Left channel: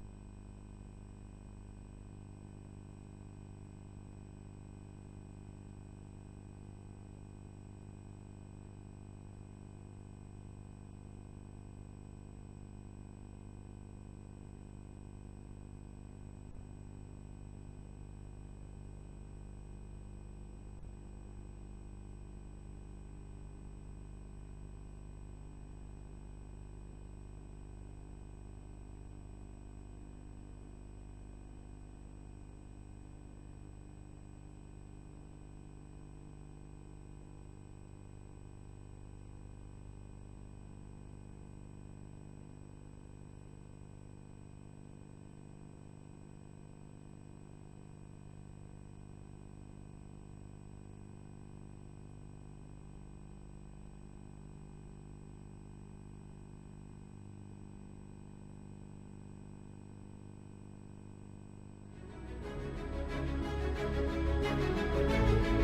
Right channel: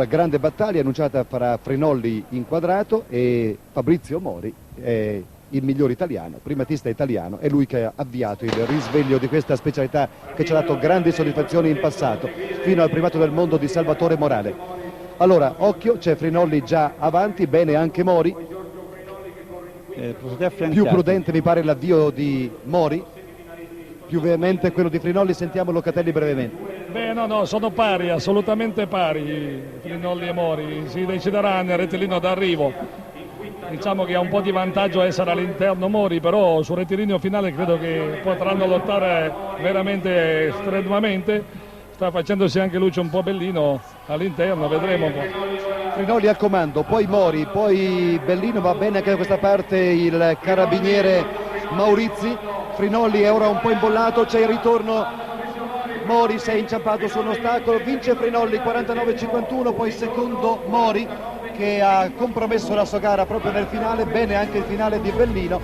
Una grande battaglia annunciata fra Frinolli inquadrato e Fabrizio Mori, il miglior italiano, primatista italiano, è lui che ha avviato il risveglio di questa specialità che ci ha dato grandi soddisfazioni in passato, fino al primato del mondo di Salvatore Morale. Allora, occhio, c'è Frinolli già avanti, bene anche Mori. Più prudente mi pare l'avvio di Mori, più veemente quello di Frinolli. Sentiamo Locatelli brevemente. Beh, no, sono pari, assolutamente pari Frinolli e Mori, si deciderà nel rettilineo d'arrivo. Diciamo che ha un po' di vantaggio essere all'interno Mori, però sul rettilineo finale credo che potranno lottare veramente strenuamente. Sta facendosi anche Lucio un po' bellino all'interno, vedremo un po'. Frinolli al comando, poi Mori, poi Bellino, va bene anche da questa parte il carabiniere Maurizi. Frinolli è ora un po' imbollato, c'è il ritorno. Mori si è inciampato su un ostacolo, vince Frinolli 49-51, poi secondo Mori che ha compromesso la sua gara proprio nel finale, bene anche il finale di Bellino.